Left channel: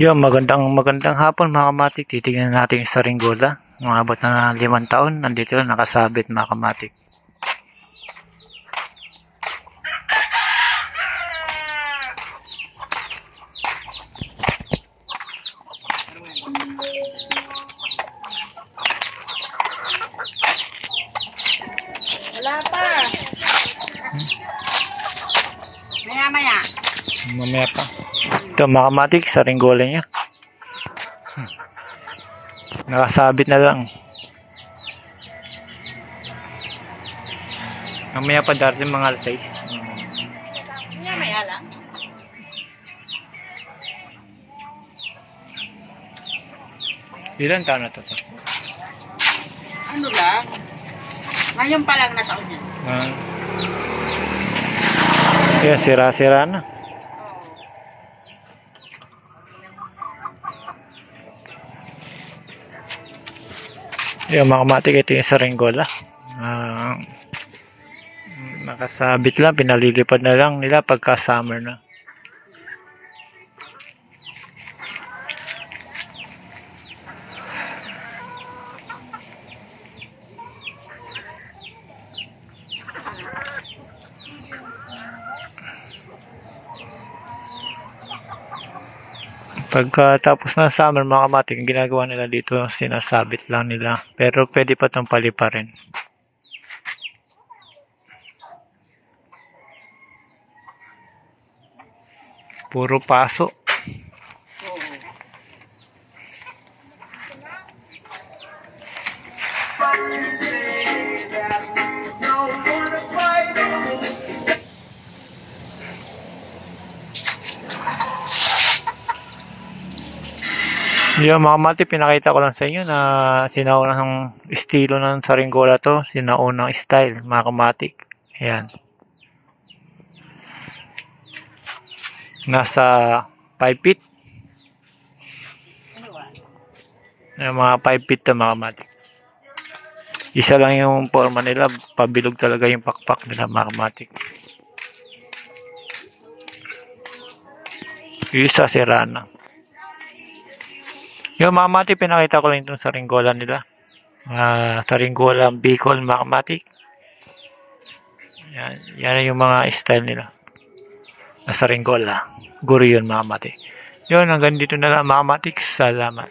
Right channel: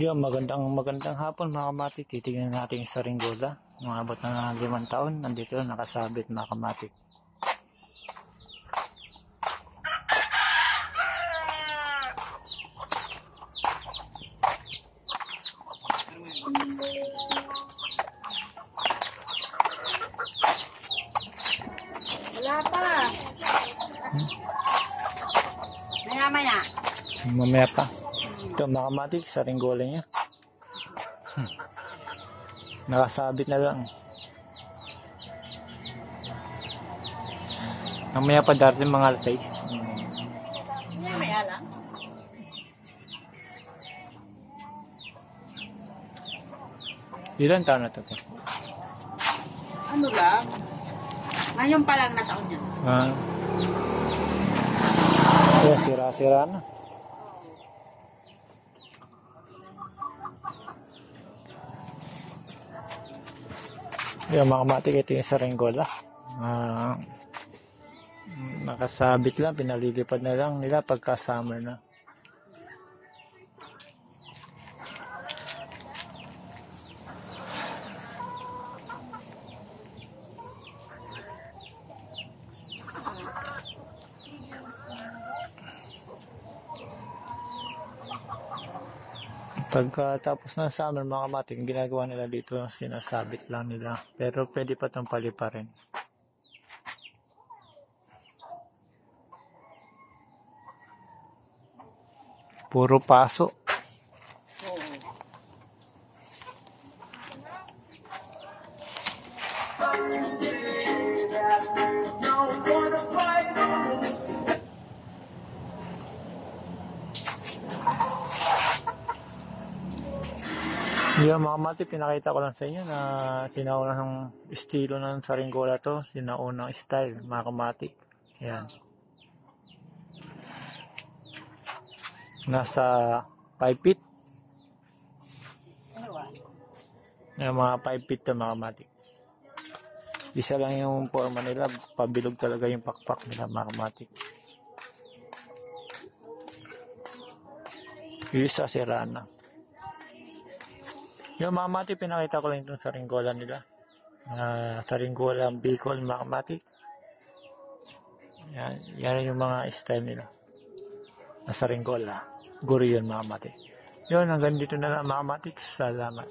Yun, magandang hapon mga kamatik. Titingnan natin yung Saringgola. Umabot na 5 taon. Nandito lang nakasabit mga kamatik. Wala pa. Maya-maya. Mamaya pa. Ito mga kamatik, Saringgola niya. Nakasabit na lang. Mamaya pa darating mga alas 6. Maya-maya lang. Ilan taon na to? Ano lang? Ngayon pa lang na taon yan. Yan, sira-sira na. Yan mga kamatik, ito yung Saringgola. Nakasabit lang, pinalilipad na lang nila pagka summer na. Pagkatapos ng summer mga kamatik, ang ginagawa nila dito, sinasabit lang nila. Pero pwede pa itong paliparin. Puro paso. Yung mga kamatik, pinakita ko lang sa inyo na sinaunang estilo ng Saringgola to, sinaunang style mga kamatik. Ayan. Nasa 5 feet. Mga 5 feet to mga kamatik. Isa lang yung forma nila, pabilog talaga yung pakpak nila mga kamatik. Yung isa sira na. Yung mga kamatik, pinakita ko lang itong Saringgola nila. Saringgola Bicol mga kamatik. Yan yung mga style nila na Saringgola. Guro yun mga kamatik. Yun, hanggang dito na lang mga kamatik. Salamat.